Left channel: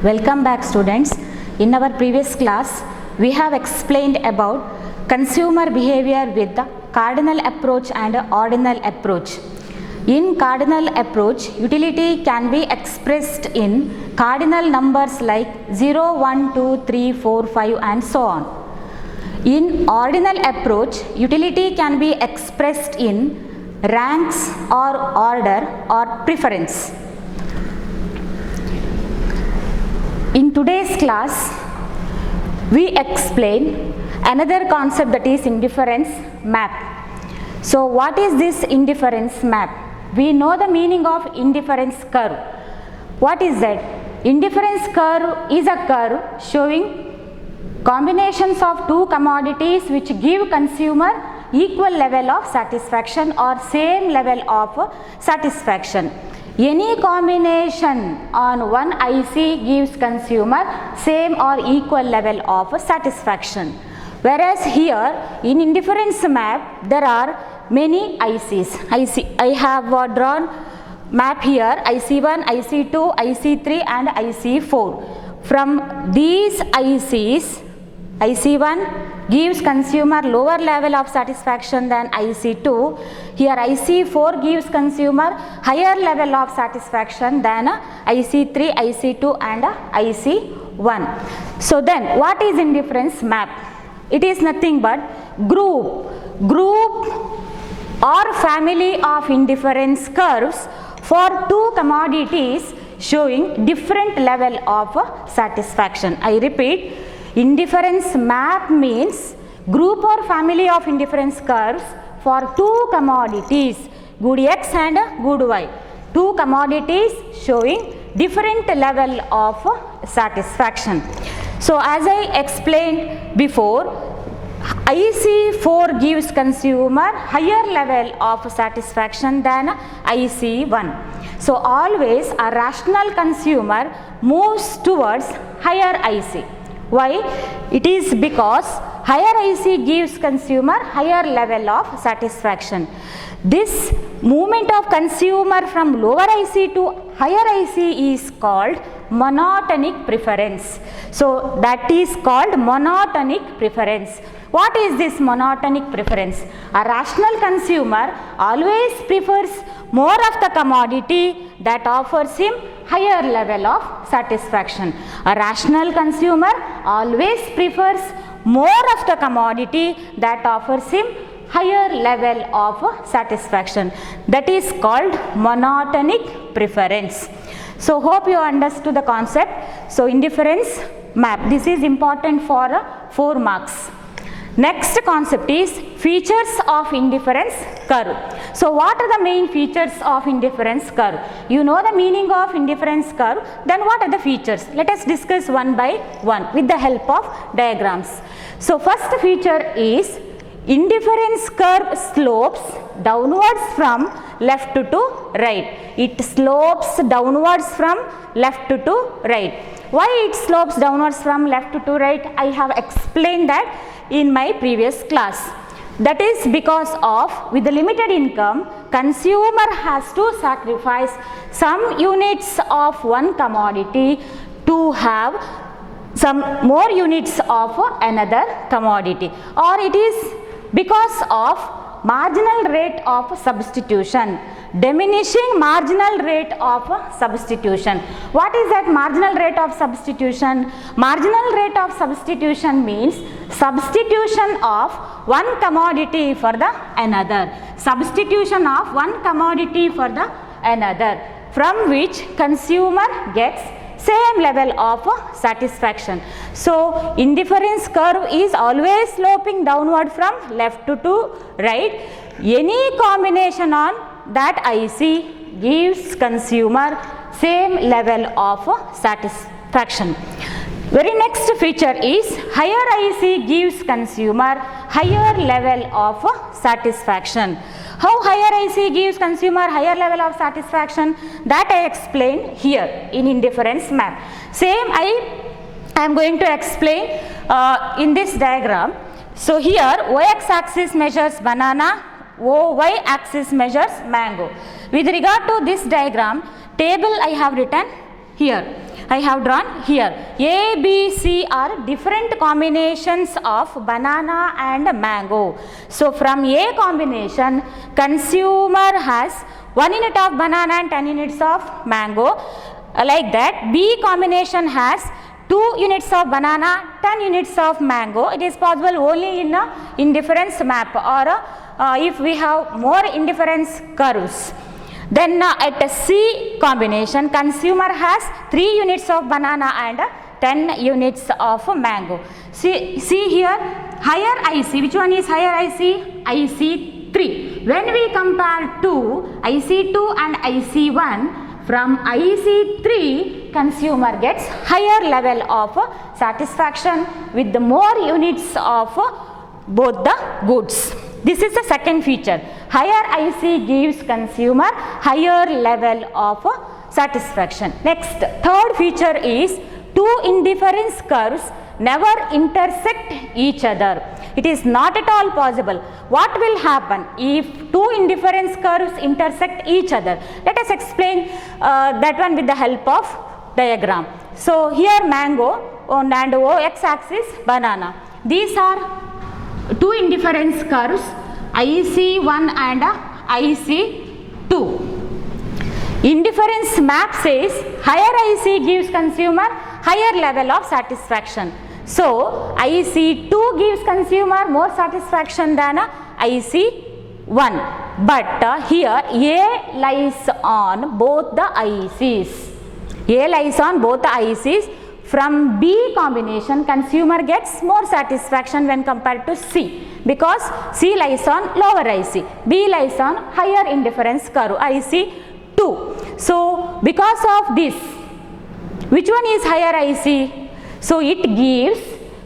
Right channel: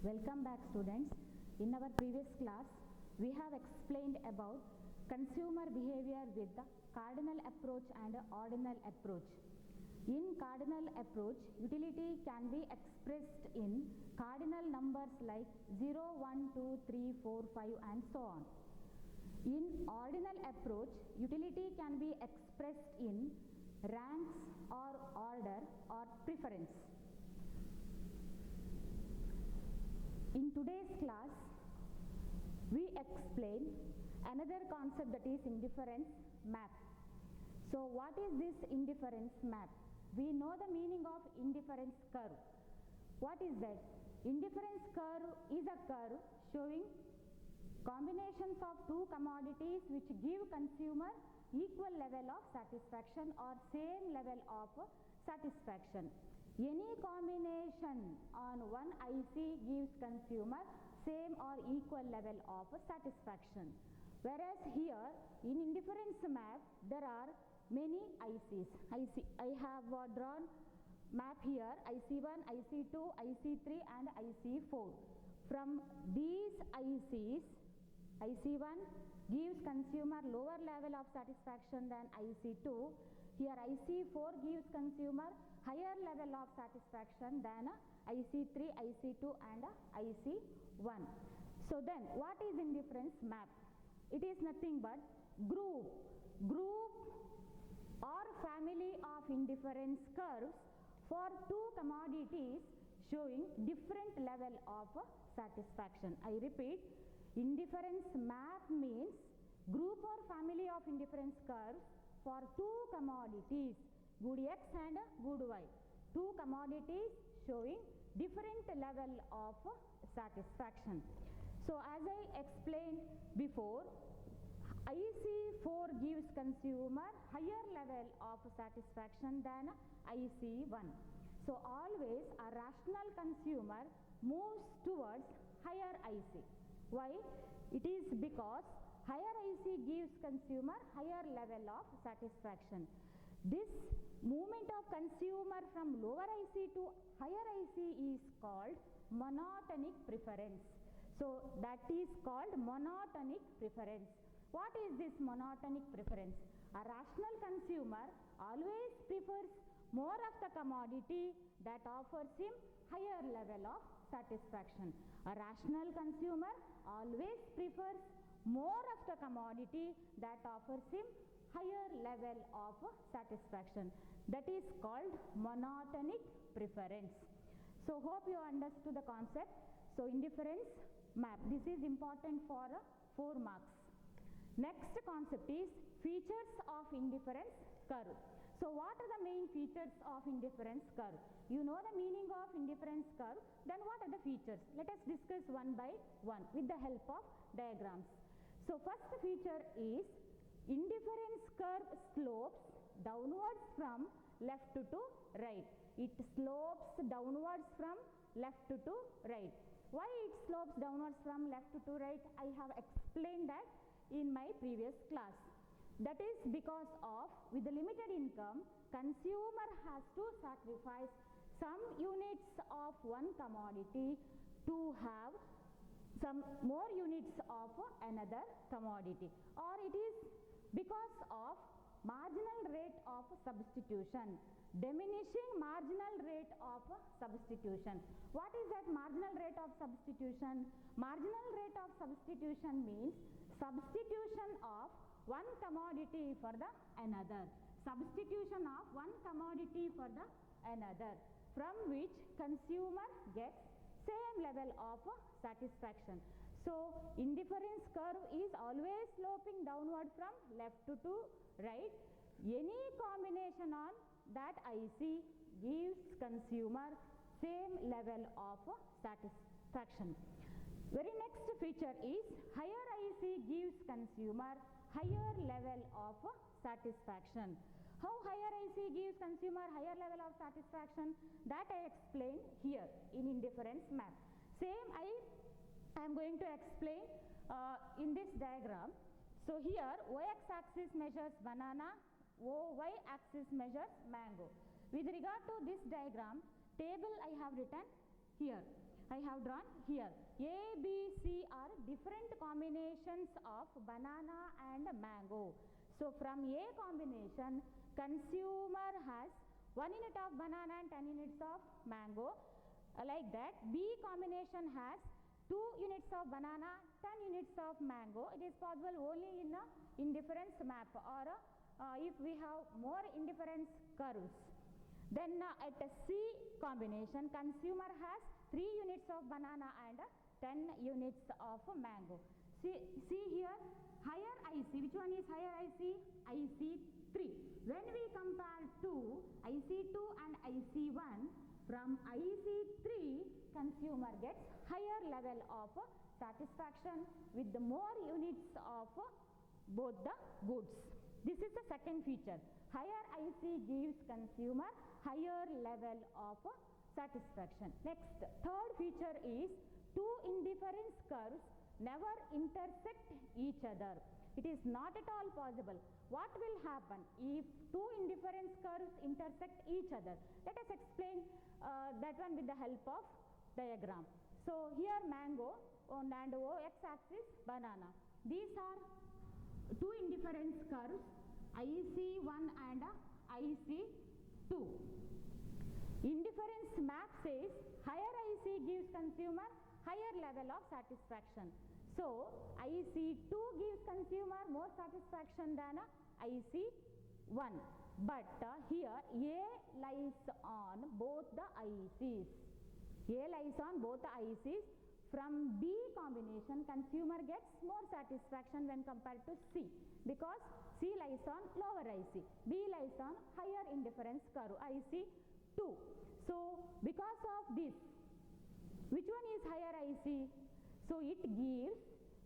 Welcome back, students. In our previous class, we have explained about consumer behavior with the cardinal approach and ordinal approach. In cardinal approach, utility can be expressed in cardinal numbers like 0, 1, 2, 3, 4, 5 and so on. In ordinal approach, utility can be expressed in ranks or order or preference. In today's class, we explain another concept, that is indifference map. So what is this indifference map? We know the meaning of indifference curve. What is that? Indifference curve is a curve showing combinations of two commodities which give consumer equal level of satisfaction or same level of satisfaction. Any combination on one IC gives consumer same or equal level of satisfaction. Whereas here in indifference map there are many ICs. I have drawn map here IC1, IC2, IC3 and IC4. From these ICs, IC1 gives consumer lower level of satisfaction than IC2. Here IC4 gives consumer higher level of satisfaction than IC3, IC2 and IC1. So then what is indifference map? It is nothing but group or family of indifference curves for two commodities showing different level of satisfaction. I repeat, indifference map means group or family of indifference curves for two commodities, good X and good Y. Two commodities showing different level of satisfaction. So as I explained before, IC4 gives consumer higher level of satisfaction than IC1. So always a rational consumer moves towards higher IC. Why? It is because higher IC gives consumer higher level of satisfaction. This movement of consumer from lower IC to higher IC is called monotonic preference. So that is called monotonic preference. What is this monotonic preference? A rational consumer always prefers more of the commodity that offers him higher level of satisfaction. A rational consumer always prefers more of the commodity that offers him higher level of satisfaction. That is called monotonic preference. So hope you understood the concept. So indifference map, this is important for 4 marks. Next concept is features of indifference curve. So what are the main features of indifference curve? You know the meaning of indifference curve, then what are the features? Let us discuss one by one with the help of diagrams. So first feature is indifference curve slopes downwards from left to right. It slopes downwards from left to right. Why it slopes downwards from left to right? I have explained that in my previous class. That is because of, with the limited income, consumer has to sacrifice some units of one commodity to have some more units of another commodity, or it is because of marginal rate of substitution, diminishing marginal rate of substitution. What is that marginal rate of substitution? Marginal rate of substitution means substitution of one commodity for the another. Substitution of one commodity for the another, from which consumer gets same level of satisfaction. So indifference curve is always sloping downward from left to right. Any combination on that IC gives consumer same level of satisfaction. Very next feature is higher IC gives consumer higher level of satisfaction. How higher IC gives consumer higher level of satisfaction? That I explained here in indifference map. Same I am going to explain in this diagram. So here y-x axis measures banana, y axis measures mango. With regard to this diagram, table I have written here. I have drawn here. A, B, C are different combinations of banana and mango. So from A combination, consumer has 1 unit of banana and 10 units of mango. Like that, B combination has 2 units of banana, 10 units of mango. It is possible only in a indifference map, or if we have more indifference curves. Then at a C combination, consumer has 3 units of banana and 10 units of mango. See here, higher IC, which one is higher IC? IC3. When we compare to IC2 and IC1, from IC3, consumer gets higher level of satisfaction with the more units of both the goods. This is the second feature. Higher IC gives consumer higher level of satisfaction. Next, third feature is two indifference curves never intersect each other. It is not at all possible. What will happen if two indifference curves intersect each other? Let us explain that one with the help of diagram. So here mango and x-axis banana. These are two indifference curves, IC1 and IC2. Indifference map says higher IC gives consumer higher level of satisfaction. So IC2 gives consumer more satisfaction than IC1. But here A lies on both the ICs. A lies on both the ICs. From B combination, consumer gets more satisfaction when compared to C, because C lies on lower IC, B lies on higher indifference curve, IC2. So because of this, which one is higher IC? So it gives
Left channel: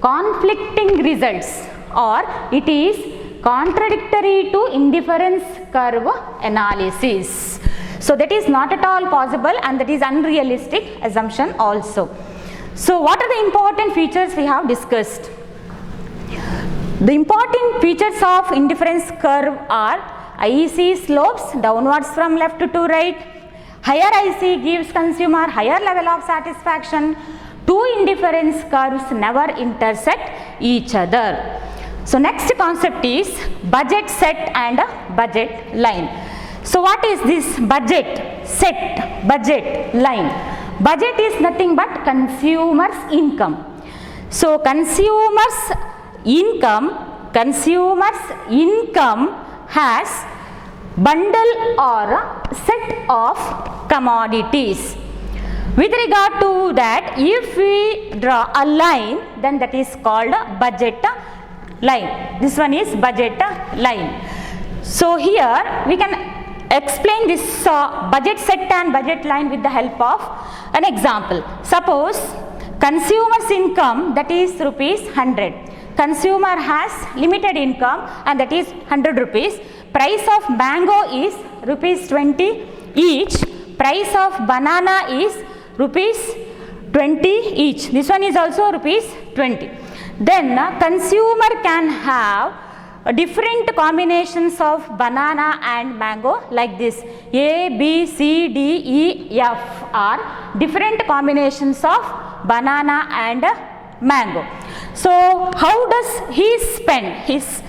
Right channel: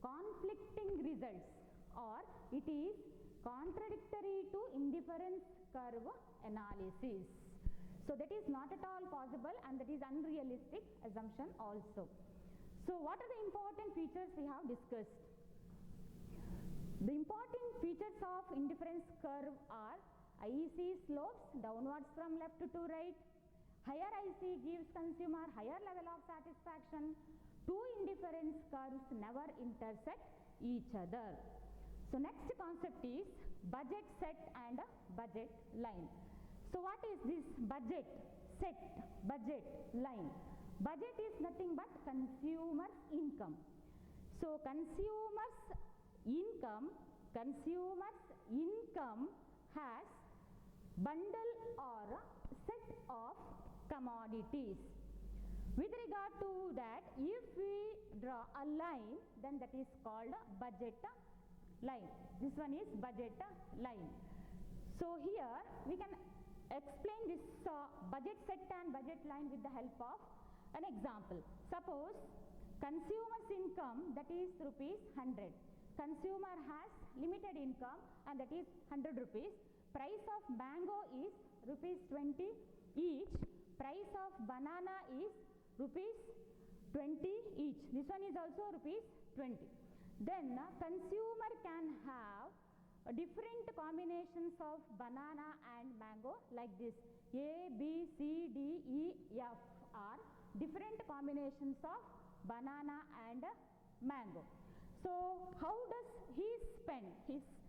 conflicting results, or it is contradictory to indifference curve analysis. So that is not at all possible, and that is unrealistic assumption also. So what are the important features we have discussed? The important features of indifference curve are IC slopes downwards from left to right. Higher IC gives consumer higher level of satisfaction. Two indifference curves never intersect each other. So next concept is budget set and budget line. So what is this budget set, budget line? Budget is nothing but consumer's income. So consumer's income has bundle or set of commodities. With regard to that, if we draw a line, then that is called budget line. This one is budget line. So here we can explain this budget set and budget line with the help of an example. Suppose consumer's income, that is rupees 100. Consumer has limited income, and that is 100 rupees. Price of mango is rupees 20 each. Price of banana is rupees 20 each. This one is also rupees 20. Then consumer can have different combinations of banana and mango like this. A, B, C, D, E, F are different combinations of banana and mango. So how does he spend his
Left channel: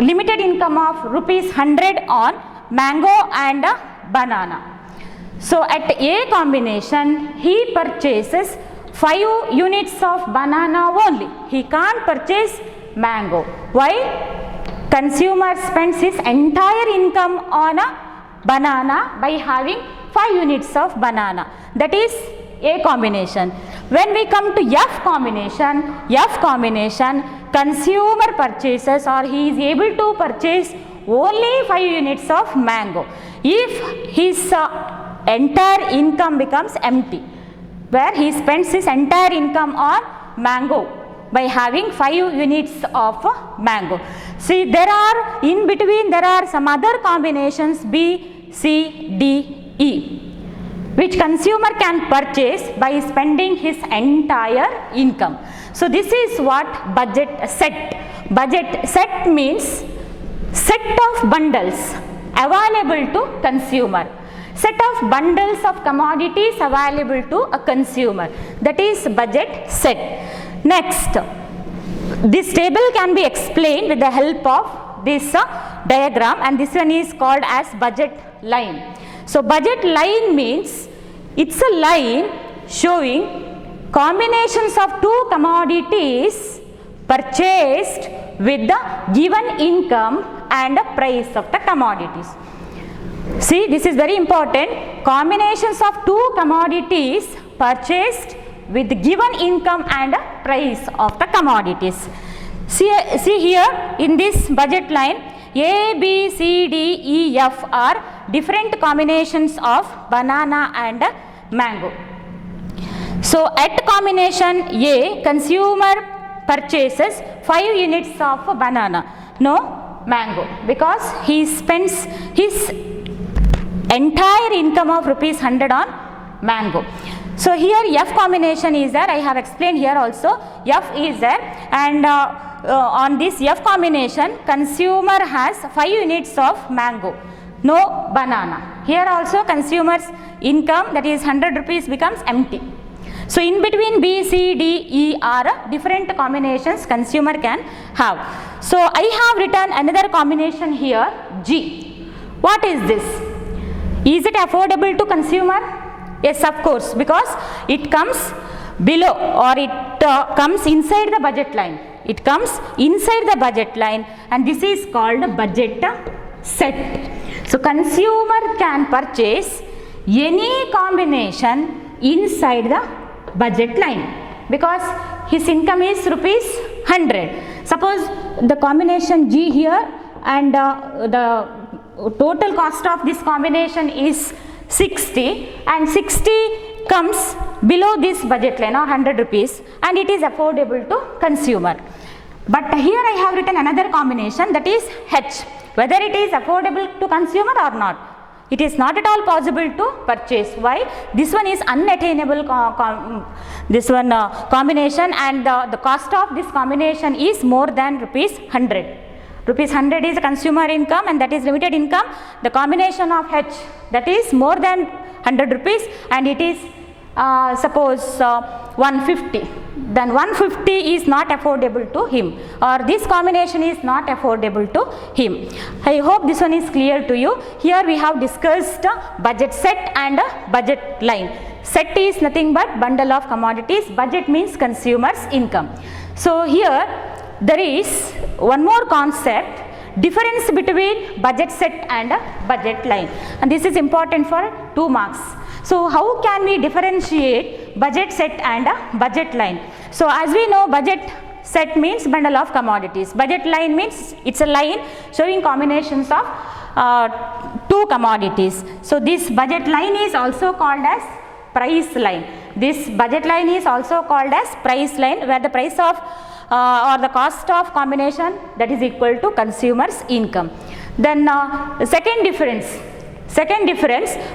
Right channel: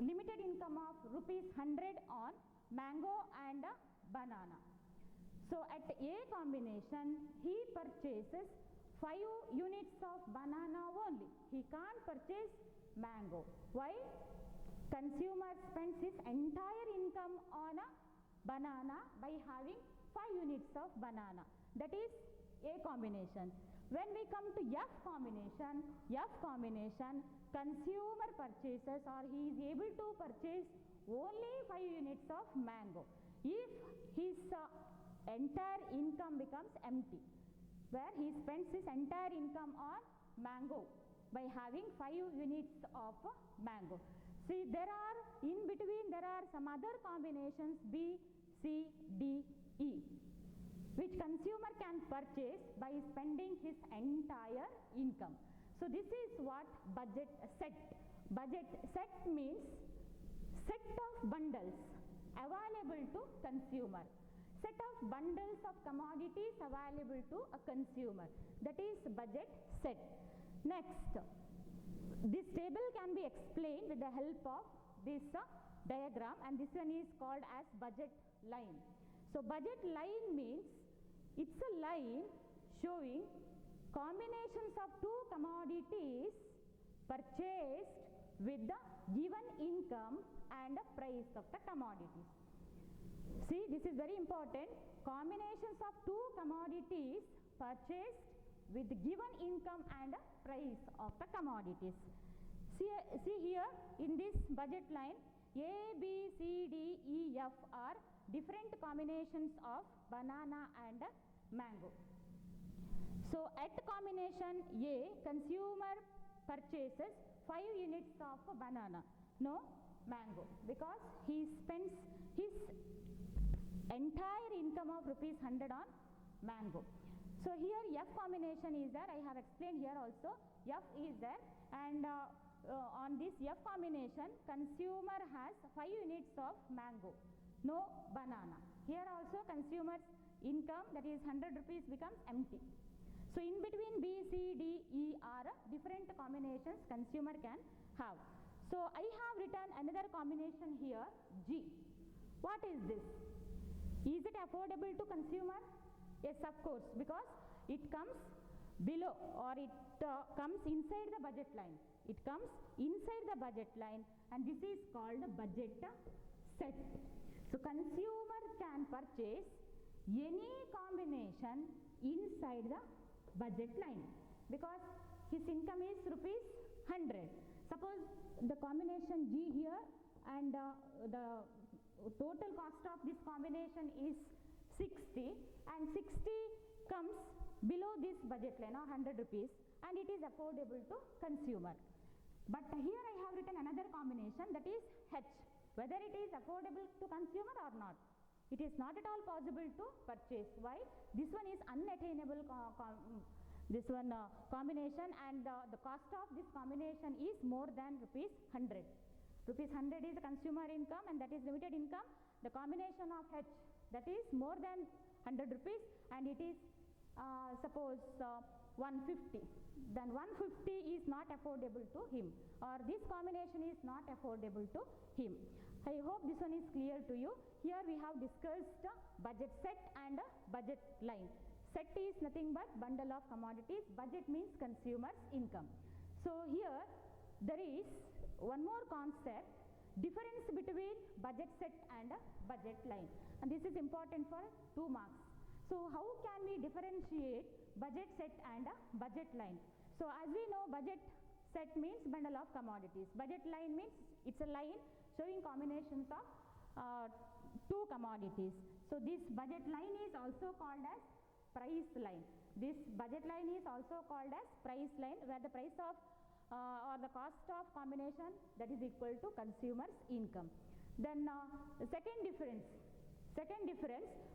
limited income of rupees 100 on mango and banana? So at A combination, he purchases 5 units of banana only. He can't purchase mango. Why? Consumer spends his entire income on a banana by having 5 units of banana. That is A combination. When we come to F combination, consumer purchases, or he is able to purchase only 5 units of mango. If his entire income becomes empty, where he spends his entire income on mango by having 5 units of mango. See, there are in between, there are some other combinations B, C, D, E, which consumer can purchase by spending his entire income. So this is what budget set. Budget set means set of bundles available to consumer. set of bundles of commodities available to a consumer, that is budget set. Next, this table can be explained with the help of this diagram, and this one is called as budget line. So budget line means it's a line showing combinations of two commodities purchased with the given income and the price of the commodities. See, this is very important. Combinations of two commodities purchased with given income and price of the commodities. See here in this budget line, A, B, C, D, E, F are different combinations of banana and mango. So at combination A, consumer purchases 5 units of banana, no mango, because he spends his entire income of rupees 100 on mango. So here F combination is there, I have explained here also, F is there, and on this F combination, consumer has 5 units of mango, no banana. Here also consumer's income, that is 100 rupees, becomes empty. So in between B, C, D, E are different combinations consumer can have. So I have written another combination here, G. What is this? Is it affordable to consumer? Yes, of course, because it comes below, or it comes inside the budget line. It comes inside the budget line, and this is called budget set. So consumer can purchase any combination inside the budget line because his income is rupees 100. Suppose the combination G here, and the total cost of this combination is 60, and 60 comes below this budget line of 100 rupees, and it is affordable to consumer. But here I have written another combination, that is H, whether it is affordable to consumer or not. It is not at all possible to purchase. Why? This one is unattainable combination, and the cost of this combination is more than rupees 100. Rupees 100 is consumer income, and that is limited income. The combination of H, that is more than 100 rupees, and it is suppose 150. Then 150 is not affordable to him, or this combination is not affordable to him. I hope this one is clear to you. Here we have discussed budget set and budget line. Set is nothing but bundle of commodities. Budget means consumer's income. So here there is one more concept, difference between budget set and budget line, and this is important for 2 marks. So how can we differentiate budget set and budget line? So as we know, budget set means bundle of commodities. Budget line means it's a line showing combinations of 2 commodities. So this budget line is also called as price line. This budget line is also called as price line, where the price of or the cost of combination, that is equal to consumer's income. Then second difference,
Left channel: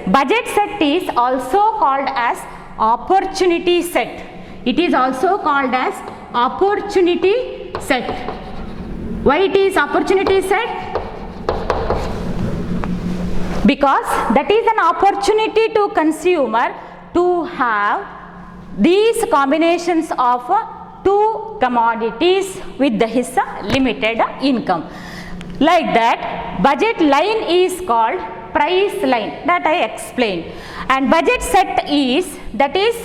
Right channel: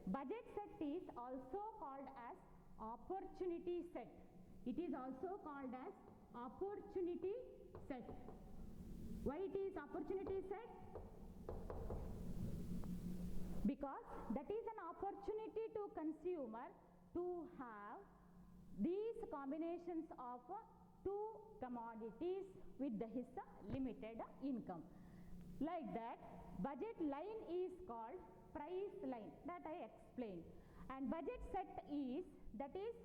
budget set is also called as opportunity set. It is also called as opportunity set. Why it is opportunity set? Because that is an opportunity to consumer to have these combinations of 2 commodities with his limited income. Like that, budget line is called price line, that I explained, and budget set is, that is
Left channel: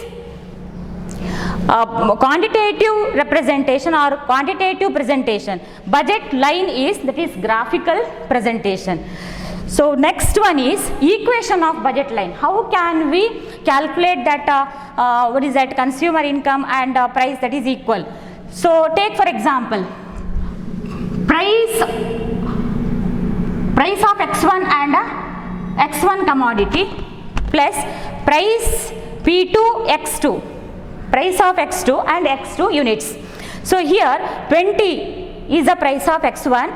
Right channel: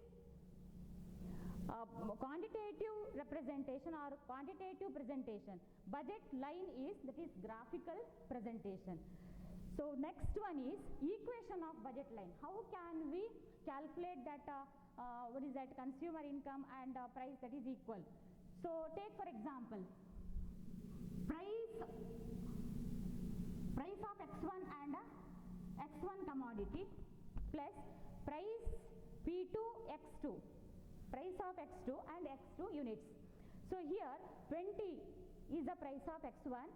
quantitative representation or quantitative presentation. Budget line is, that is graphical presentation. So next one is equation of budget line. How can we calculate that what is that consumer income and price that is equal? So take for example, price of X1 and X1 commodity plus price P2 X2, price of X2 and X2 units. So here 20 is the price of X1.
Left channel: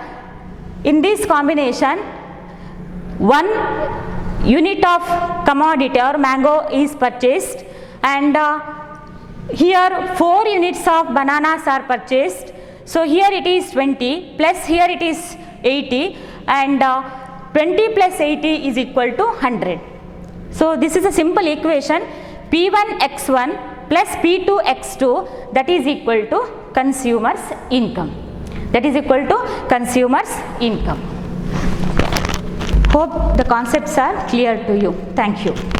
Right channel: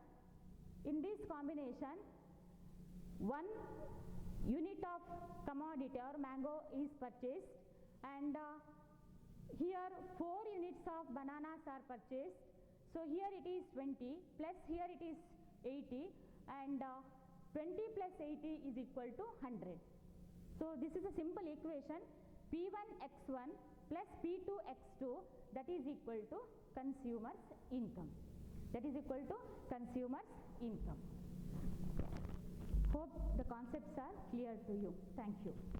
In this combination, 1 unit of commodity or mango is purchased, and here 4 units of bananas are purchased. So here it is 20 plus here it is 80, and 20 plus 80 is equal to 100. So this is a simple equation, P1x1 plus P2x2, that is equal to consumer's income. That is equal to consumer's income. Hope the concepts are clear to you. Thank you.